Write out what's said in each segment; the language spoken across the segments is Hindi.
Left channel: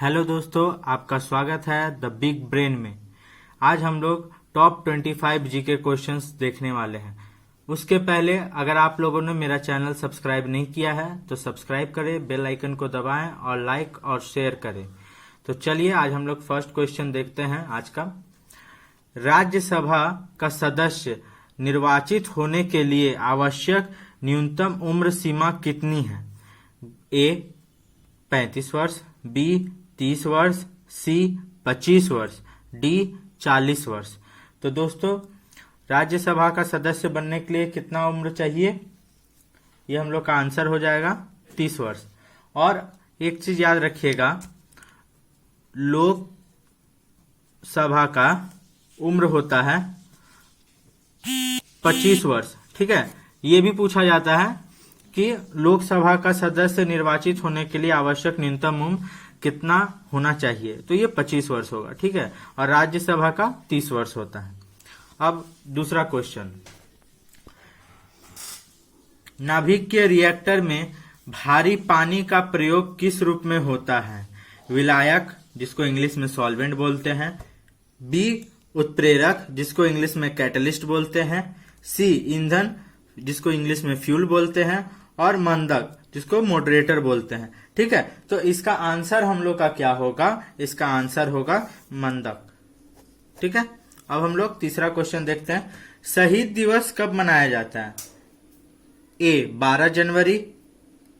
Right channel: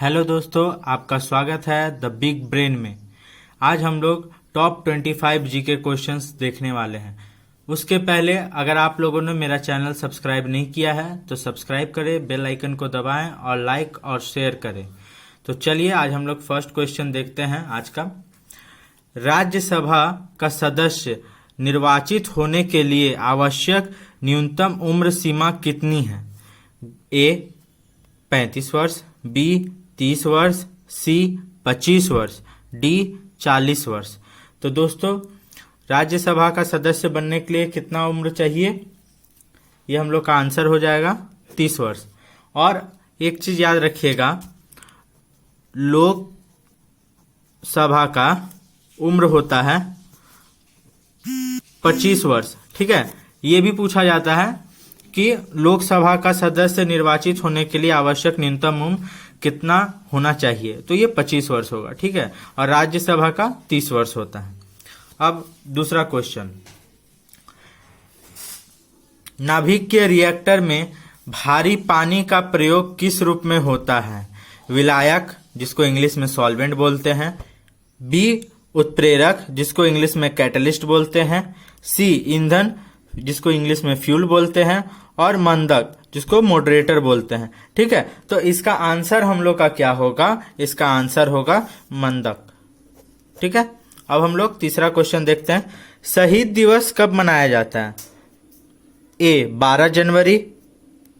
हेलो दोस्तों, आपका स्वागत है द बिग ब्रेन में। आज हम लोग टॉप 25 जीके क्वेश्चंस देखने वाले हैं। उसके पहले अगर आप लोगों ने मेरा चैनल सब्सक्राइब नहीं किया है तो सब्सक्राइब करें, बेल आइकन को दबाएं और लाइक और शेयर करें। तो चलिए आज हम लोग फर्स्ट क्वेश्चन देखते हैं आज का। राज्यसभा का सदस्य निर्वाचित होने के लिए आवश्यक न्यूनतम उम्र सीमा कितनी है? ए 35 वर्ष, बी 30 वर्ष, सी 25 वर्ष, डी 40 वर्ष। तो दोस्तों, राज्यसभा का सदस्य बनने के लिए कितना उम्र चाहिए? ये हम लोग का आंसर हो जाएगा 30 वर्ष। और एक चीज याद रखिएगा, लोकसभा का उम्र होता है 25 वर्ष। ठीक है, ये भी पूछा जाता है कि लोकसभा का सदस्य निर्वाचित होने के लिए आवश्यक न्यूनतम उम्र कितना होना चाहिए, तो ये 25 वर्ष होगा। ठीक है, और राज्यसभा का 30 वर्ष होता है। अब दूसरा क्वेश्चन, नाभिक के रिएक्टर में भारी पानी का प्रयोग किस रूप में होता है? विलायक, जिसको इंग्लिश में सॉल्वेंट बोलते हैं, बी उत्प्रेरक, जिसको इंग्लिश में कैटलिस्ट बोलते हैं, सी ईंधन, जिसको इंग्लिश में फ्यूल बोलते हैं, और मंदक, जिसको मॉडरेटर बोलते हैं। ठीक है, तो इसका आंसर हम लोग का क्या होगा? इसका आंसर होगा मंदक। ठीक है, अब हम लोग तीसरा क्वेश्चन देखते हैं। शहीद दिवस कब मनाया जाता है? ए 12 जनवरी,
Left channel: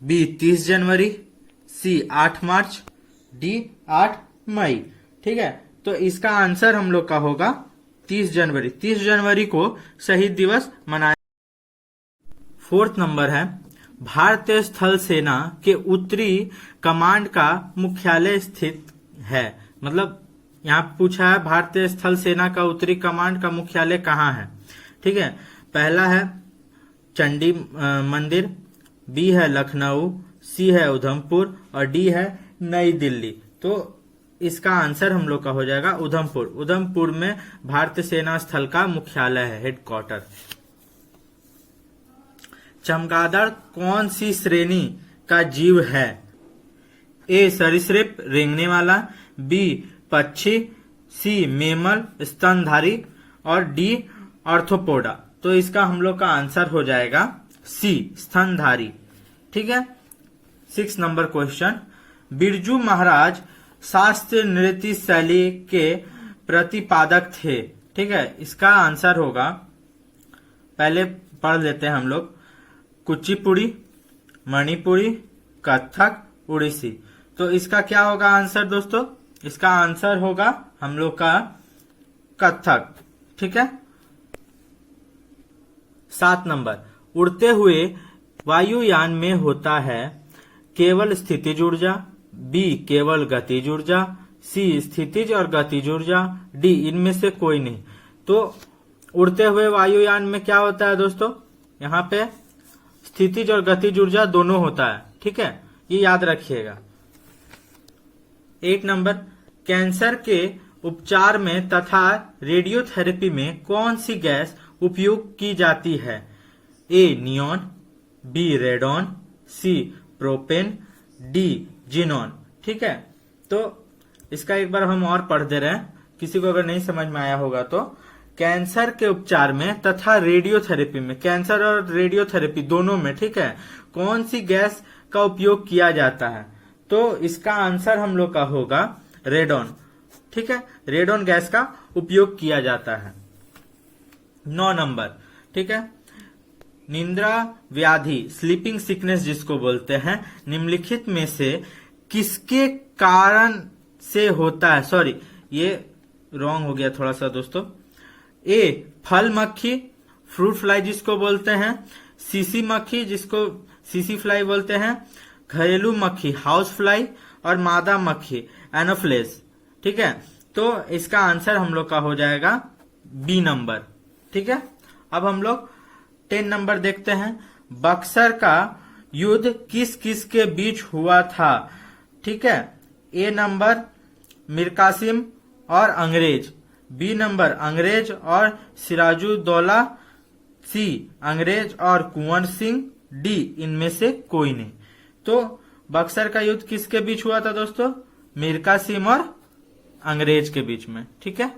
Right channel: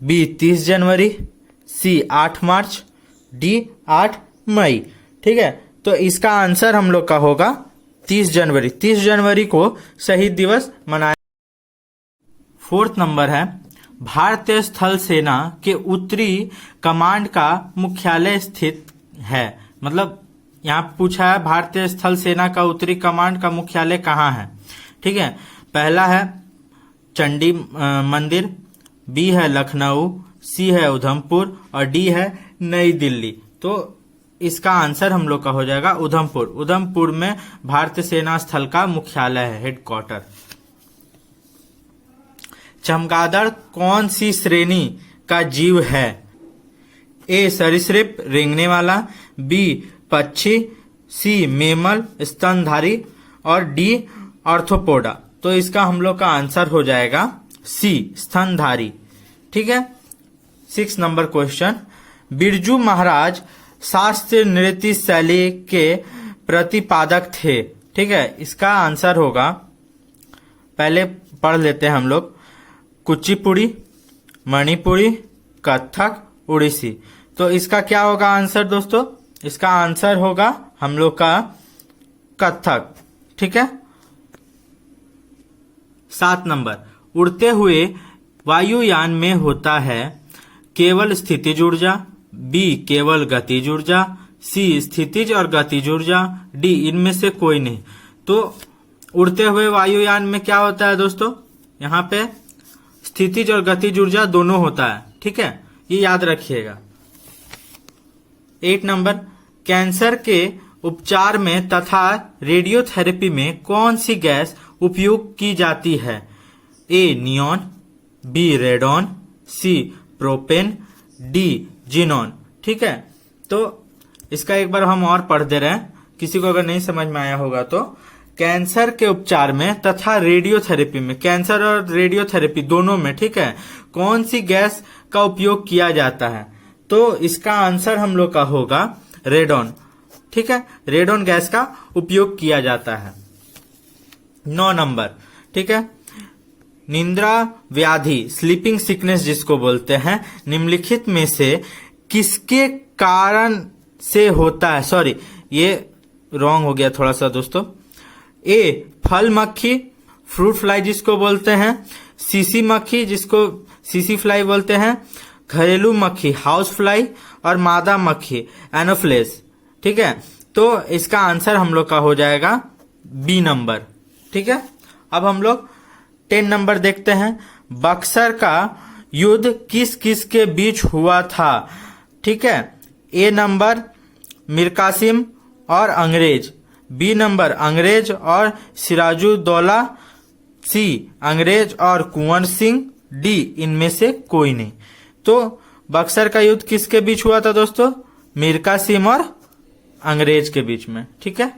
बी 30 जनवरी, सी 8 मार्च, डी 8 मई। ठीक है, तो इसका आंसर हम लोग का होगा 30 जनवरी। 30 जनवरी को शहीद दिवस मनाया। फोर्थ नंबर है, भारतीय स्थल सेना के उत्तरी कमांड का मुख्यालय स्थित है। मतलब यहाँ पूछा है भारतीय स्थल सेना का उत्तरी कमांड का मुख्यालय कहाँ है। ठीक है, पहला है चंडी मंदिर, बी है लखनऊ, सी है उधमपुर और डी है नई दिल्ली। तो इसका आंसर हम लोग का हो जाएगा उधमपुर। उधमपुर में भारतीय सेना स्थल का मुख्यालय है, हेडक्वार्टर। चमगादड़ कौन सी श्रेणी का जीव है? ए सरीसृप रेंगने वाला, बी पक्षी, सी मेमल स्तनधारी और डी ऑर्थोपोडा। तो इसका हम लोग का आंसर हो जाएगा सी स्तनधारी। ठीक है, 6 नंबर क्वेश्चन, बिरजू महाराज शास्त्रीय नृत्य शैली के प्रतिपादक थे। ठीक है, इसका आंसर होगा, पहले पढ़ लेते हैं हम लोग, कुचिपुड़ी, मणिपुरी, कथक, उड़ीसी। तो इसका क्या होगा आंसर दोस्तों? इसका आंसर होगा हम लोग का कथक। ठीक है, 7 नंबर, उड़ते हुए वायुयान में होता है केवल स्थितिज ऊर्जा, बी केवल गतिज ऊर्जा, सी स्थितिज और गतिज ऊर्जा, डी इनमें से कोई नहीं। तो उड़ते हुए वायुयान में क्या होता है दोस्तों? यहाँ पे स्थितिज और गतिज ऊर्जा दोनों होता है। ठीक है, ये याद रखिएगा। 8 नंबर, कैंसर के उपचार में तथा रेडियोथेरेपी में कौन सी गैस उपयोग की जाती है? ए नियॉन, बी रेडॉन, सी प्रोपेन, डी जिनॉन। ठीक है, तो इसका एक बार हम और पढ़ दे रहे हैं, किसी को अगर नहीं समझ में आया होगा तो। कैंसर के उपचार में तथा रेडियोथेरेपी में, कैंसर और रेडियोथेरेपी दोनों में, ठीक है, कौन सी गैस का उपयोग किया जाता है? तो इसका आंसर हम लोग का होगा रेडॉन। ठीक है, रेडॉन गैस का उपयोग किया जाता है। 9 नंबर, ठीक है, निद्रा व्याधि स्लीपिंग सिकनेस जिसको बोलते हैं, निम्नलिखित में से किसके कारण से होता है? सॉरी, ये रॉन्ग हो गया थोड़ा सा दोस्तों। ए फल मक्खी, फ्रूट फ्लाई जिसको बोलते हैं, सीसी मक्खी जिसको सीसी फ्लाई बोलते हैं, घरेलू मक्खी हाउस फ्लाई और मादा मक्खी एनोफ्लेस। ठीक है, तो इसका आंसर हम लोग का हो जाएगा बी नंबर। ठीक है, अब हम लोग 10 नंबर देखते हैं। बक्सर का युद्ध किस किस के बीच हुआ था? ठीक है, ए नंबर मीर कासिम और अंग्रेज, बी नंबर अंग्रेज और सिराजुद्दौला, सी अंग्रेज और कुंवर सिंह, डी इनमें से कोई नहीं। तो बक्सर का युद्ध किसके बीच हुआ था दोस्तों? मीर कासिम और अंग्रेज के बीच में। ठीक है,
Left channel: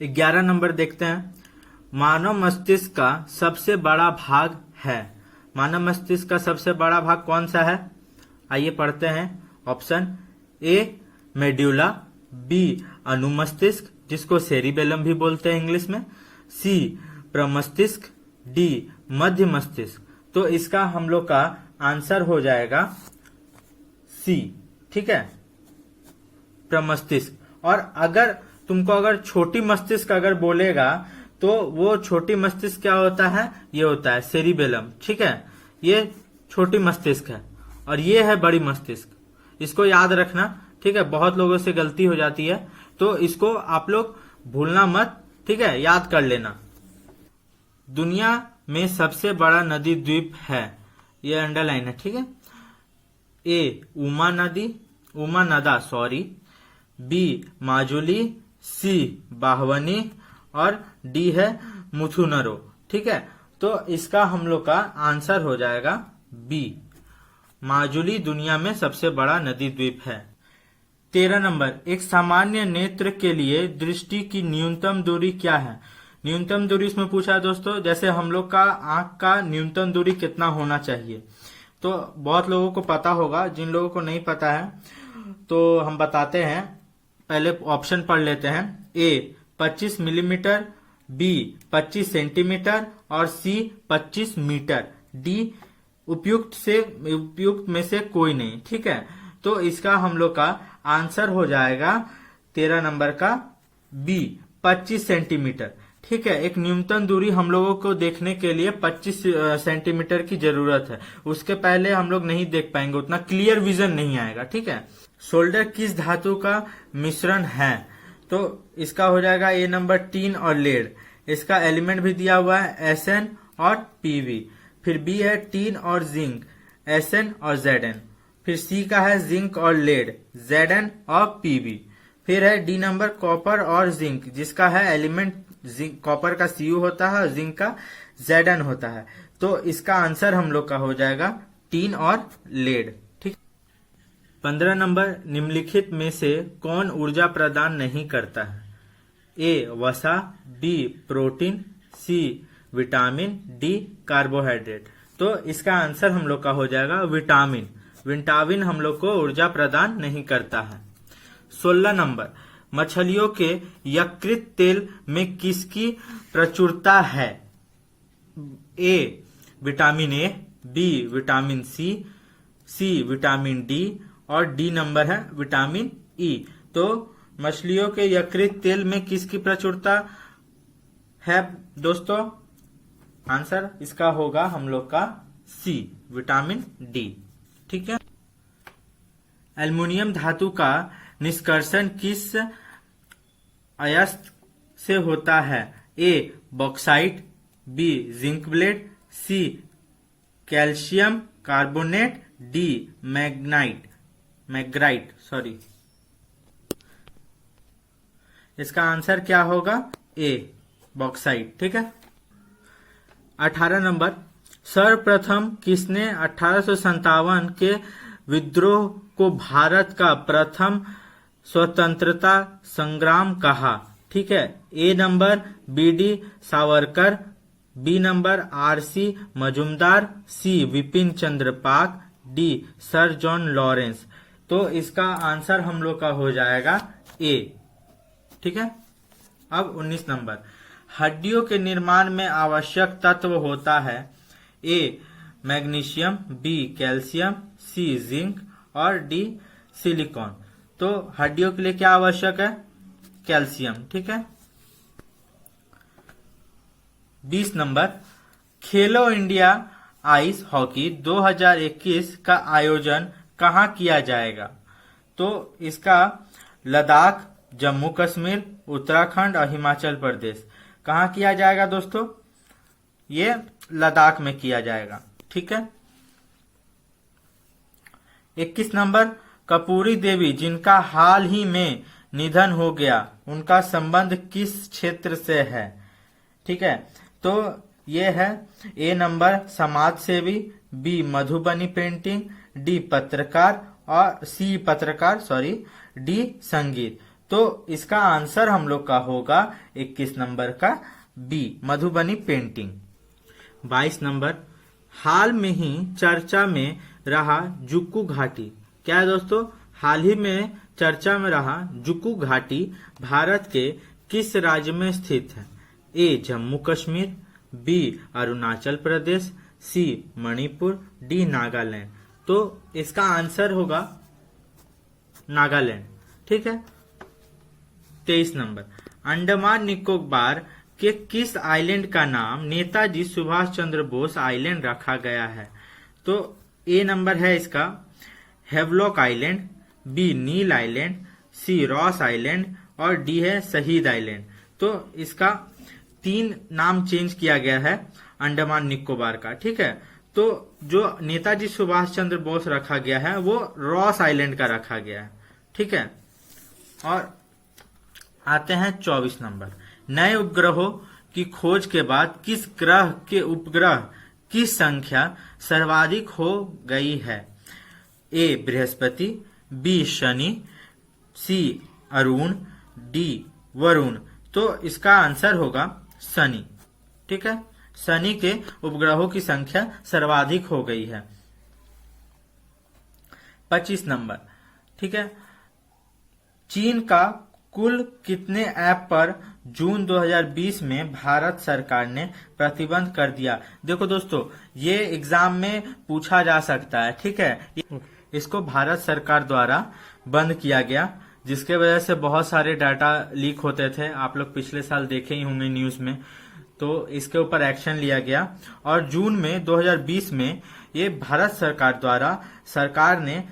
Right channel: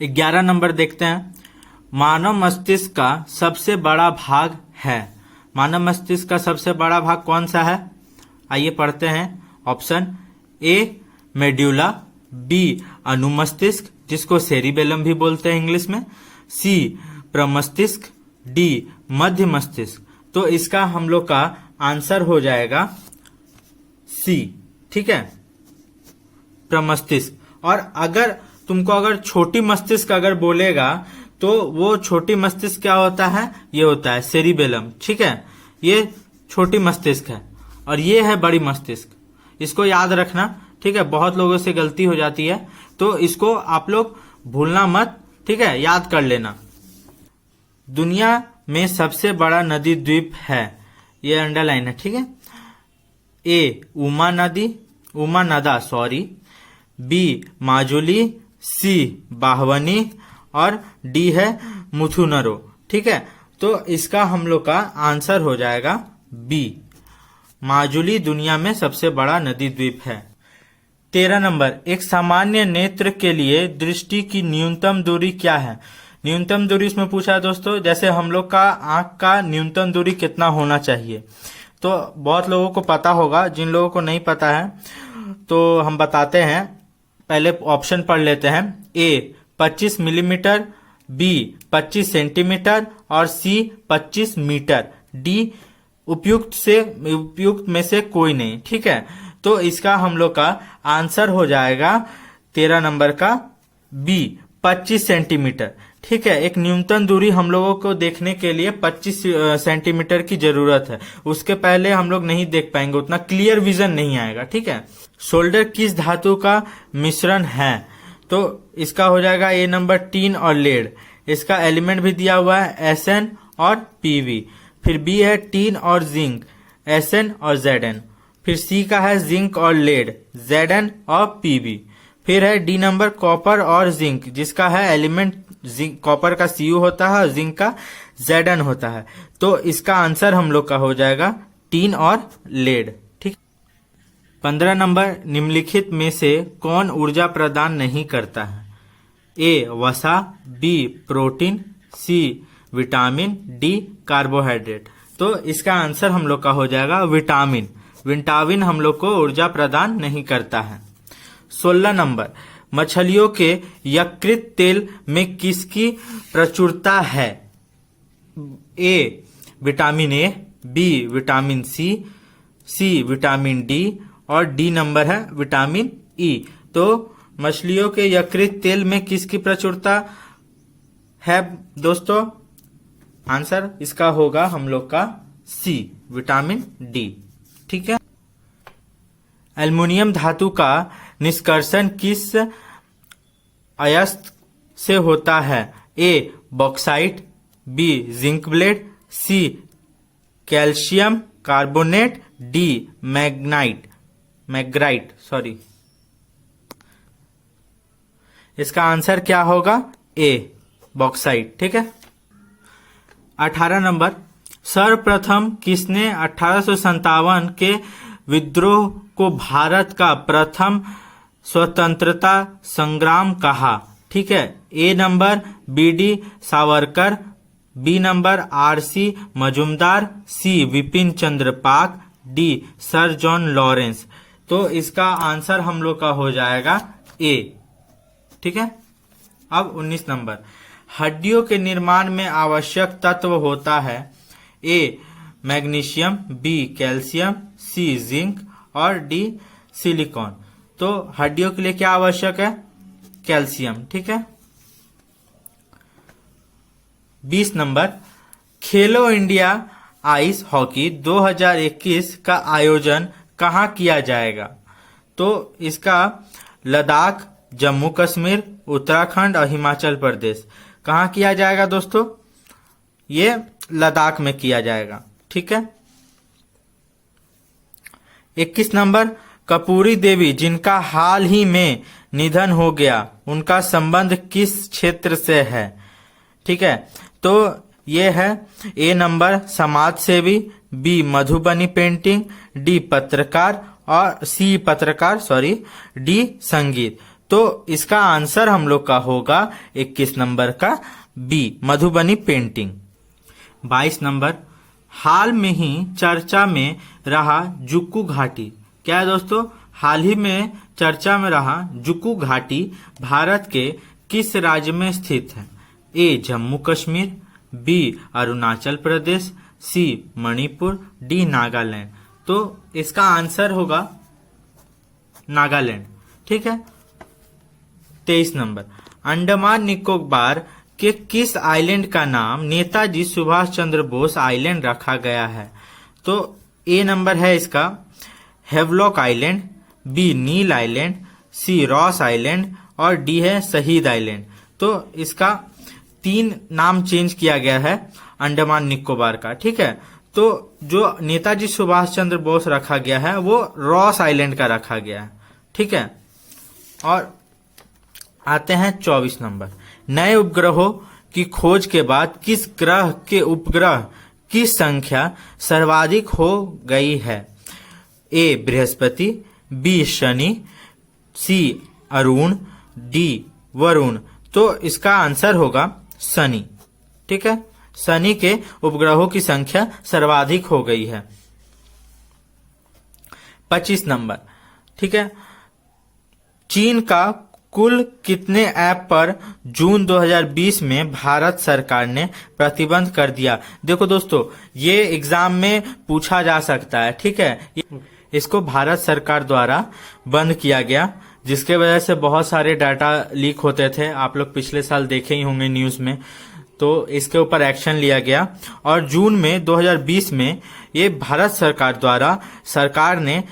11 नंबर देखते हैं। मानव मस्तिष्क का सबसे बड़ा भाग है। मानव मस्तिष्क का सबसे बड़ा भाग कौन सा है? आइए पढ़ते हैं। ऑप्शन ए मेड्यूला, बी अनुमस्तिष्क जिसको सेरिबेलम भी बोलते हैं इंग्लिश में, सी प्रमस्तिष्क, डी मध्य मस्तिष्क। तो इसका हम लोग का आंसर हो जाएगा सी। ठीक है, प्रमस्तिष्क। और अगर तुमको अगर छोटी मस्तिष्क अगर बोलेगा तो वो छोटी मस्तिष्क क्या होता है? ये होता है सेरिबेलम। ठीक है, ये छोटी मस्तिष्क है और ये है बड़ी मस्तिष्क। इसको याद रखना। ठीक है, बहुत लोगों से गलती हो जाती है तो इसको आप लोग भूलना मत। ठीक है, याद कर लेना। दुनिया में सबसे बड़ा नदी द्वीप है, ये अंडरलाइन है। ठीक है, ए उमा नदा सॉरी, बी माजुली, सी बाहवनी और डी है मुथुनरो। ठीक है, तो इसका हम लोग का आंसर हो जाएगा बी, माजुली दुनिया में सबसे बड़ा नदी द्वीप है। 13 नंबर, एक सामान्य नेत्र के लिए दृष्टि की न्यूनतम दूरी क्या है? न्यूनतम दूरी इसमें पूछा है दोस्तों। जैसे हम लोग का आंख का न्यूनतम दूरी कितना होना चाहिए, तो बहुत लोगों को पता होगा। जिन लोगों को नहीं पता है तो हम बताते हैं। पहले ऑप्शन पढ़ लेते हैं। ए 25 मिलीमीटर, बी 25 सेंटीमीटर और सी 25 मीटर, डी उपयुक्त में से कोई नहीं। ठीक है, तो इसका हम लोग का आंसर हो जाएगा 13 नंबर का बी 25 सेंटीमीटर। ठीक है, एक न्यूनतम दूरी हम लोगों को देखने के लिए 25 सेंटीमीटर की जरूरत है। उसके पहले हम लोग नहीं देख पाएंगे, उतना क्लियर विजन नहीं आएगा। ठीक है, सोल्डर किस धातु का मिश्रण है? तो इसका हो जाएगा ए नंबर टीन और लेड। इसका एलिमेंट भी दिया हुआ है Sn और Pv। फिर बी है टीन और जिंक, Sn और Zn। फिर सी का है जिंक और लेड, Zn और Pv। फिर है डी नंबर कॉपर और जिंक, जिसका है एलिमेंट कॉपर का Cu होता है और जिंक का Zn होता है। तो इसका आंसर हम लोग का हो जाएगा टीन और लेड। ठीक, 15 नंबर, निम्नलिखित में से कौन ऊर्जा प्रदान नहीं करता है? ए वसा, B protein, C vitamin, D carbohydrate. तो इसका आंसर हम लोग का हो जाएगा विटामिन। विटामिन हम लोग को ऊर्जा प्रदान नहीं करता है। 16 नंबर, मछलियों के यकृत तेल में किसकी प्रचुरता है? A vitamin A, B vitamin C, C vitamin D और डी नंबर है विटामिन ई। तो मछलियों के यकृत तेल में किसकी प्रचुरता है दोस्तों? आंसर इसका होगा हम लोग का सी, विटामिन डी। ठीक है, एल्युमिनियम धातु का निष्कर्षण किस अयस्क से होता है? A bauxite, B zinc blende, C calcium carbonate, D magnetite sorry. इसका आंसर क्या होगा? A bauxite. ठीक है, 18 नंबर, सर्वप्रथम किसने 1857 के विद्रोह को भारत का प्रथम स्वतंत्रता संग्राम कहा? ठीक है, A number V D. Savarkar, B number R C. Majumdar, C Bipin Chandra Pal, D sir John Lawrence. तो इसका आंसर हम लोग का हो जाएगा ए। ठीक है, अब 19 नंबर, हड्डियों के निर्माण में आवश्यक तत्व होता है? ए मैग्नीशियम, बी कैल्शियम, सी जिंक और डी सिलिकॉन। तो हड्डियों के लिए क्या आवश्यक है? कैल्शियम। ठीक है, 20 नंबर, खेलो इंडिया आइस हॉकी 2021 का आयोजन कहाँ किया जाएगा? तो इसका लद्दाख, जम्मू कश्मीर, उत्तराखंड और हिमाचल प्रदेश। कहाँ किया जाएगा दोस्तों? ये लद्दाख में किया जाएगा। ठीक है, 21 नंबर, कपूरी देवी जिनका हाल ही में निधन हो गया, उनका संबंध किस क्षेत्र से है? ठीक है, तो ये है ए नंबर समाज सेवी, बी मधुबनी पेंटिंग, डी पत्रकार और सी पत्रकार, सॉरी, डी संगीत। तो इसका आंसर हम लोग का होगा 21 नंबर का बी, मधुबनी पेंटिंग। 22 नंबर, हाल में ही चर्चा में रहा जुक्कू घाटी। क्या है दोस्तों? हाल ही में चर्चा में रहा जुक्कू घाटी भारत के किस राज्य में स्थित है? ए जम्मू कश्मीर, बी अरुणाचल प्रदेश, सी मणिपुर, डी नागालैंड। तो इसका आंसर होगा नागालैंड। ठीक है। 23 नंबर, अंडमान निकोबार के किस आइलैंड का नाम नेताजी सुभाष चंद्र बोस आइलैंड रखा गया है? तो ए नंबर है इसका Havelock island, B Neil island, सी रॉस आइलैंड और डी है शहीद आइलैंड। तो इसका 3 नाम चेंज किया गया है अंडमान निकोबार का। ठीक है। तो जो नेताजी सुभाष चंद्र बोस रखा गया है वो रॉस आइलैंड का रखा गया है। ठीक है। और आते हैं 24 नंबर, नए उपग्रहों की खोज के बाद किस ग्रह के उपग्रह की संख्या सर्वाधिक हो गई है? ए बृहस्पति, बी शनि, सी अरुण, डी वरुण। तो इसका आंसर होगा शनि। ठीक है। शनि के उपग्रहों की संख्या सर्वाधिक हो गई है। 25 नंबर, ठीक है, चीन का कुल कितने ऐप पर जून 2020 में भारत सरकार ने प्रतिबंध कर दिया? देखो दोस्तों, ये एग्जाम में पूछा जा सकता है। ठीक है। इसको भारत सरकार द्वारा बंद किया गया, जिसके वजह से बहुत सारे डाटा लीक होते थे। आप लोग पिछले साल देखे ही होंगे न्यूज में। तो इसके ऊपर एक्शन लिया गया और जून में 2020 में ये भारत सरकार द्वारा सरकार ने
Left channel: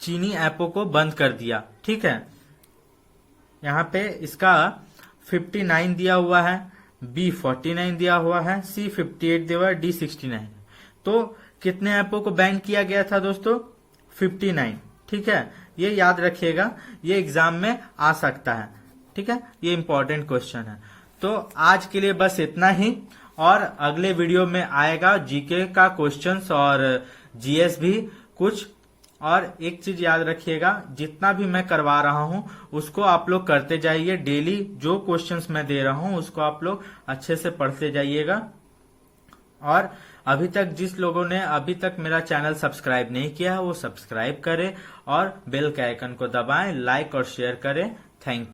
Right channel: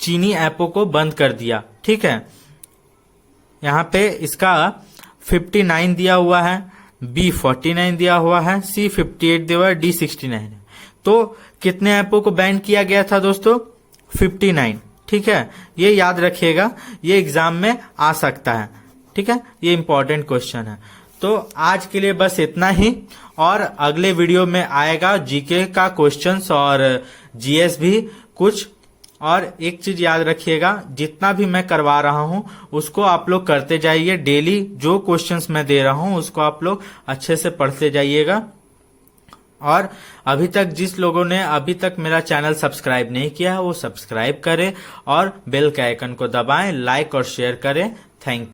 चीनी ऐपों को बंद कर दिया। ठीक है। यहाँ पे इसका 59 दिया हुआ है, बी 49 दिया हुआ है, सी 58 दिया हुआ है, डी 69 है। तो कितने ऐपों को बैन किया गया था दोस्तों? 59। ठीक है। ये याद रखिएगा, ये एग्जाम में आ सकता है। ठीक है। ये इंपॉर्टेंट क्वेश्चन है। तो आज के लिए बस इतना ही, और अगले वीडियो में आएगा जीके का क्वेश्चंस और जीएस भी कुछ। और एक चीज याद रखिएगा, जितना भी मैं करवा रहा हूं उसको आप लोग करते जाइए। डेली जो क्वेश्चंस मैं दे रहा हूं उसको आप लोग अच्छे से पढ़ते जाइएगा। और अभी तक जिस लोगों ने अभी तक मेरा चैनल सब्सक्राइब नहीं किया वो सब्सक्राइब करें और बेल के आइकन को दबाएं, लाइक और शेयर करें। Thank you.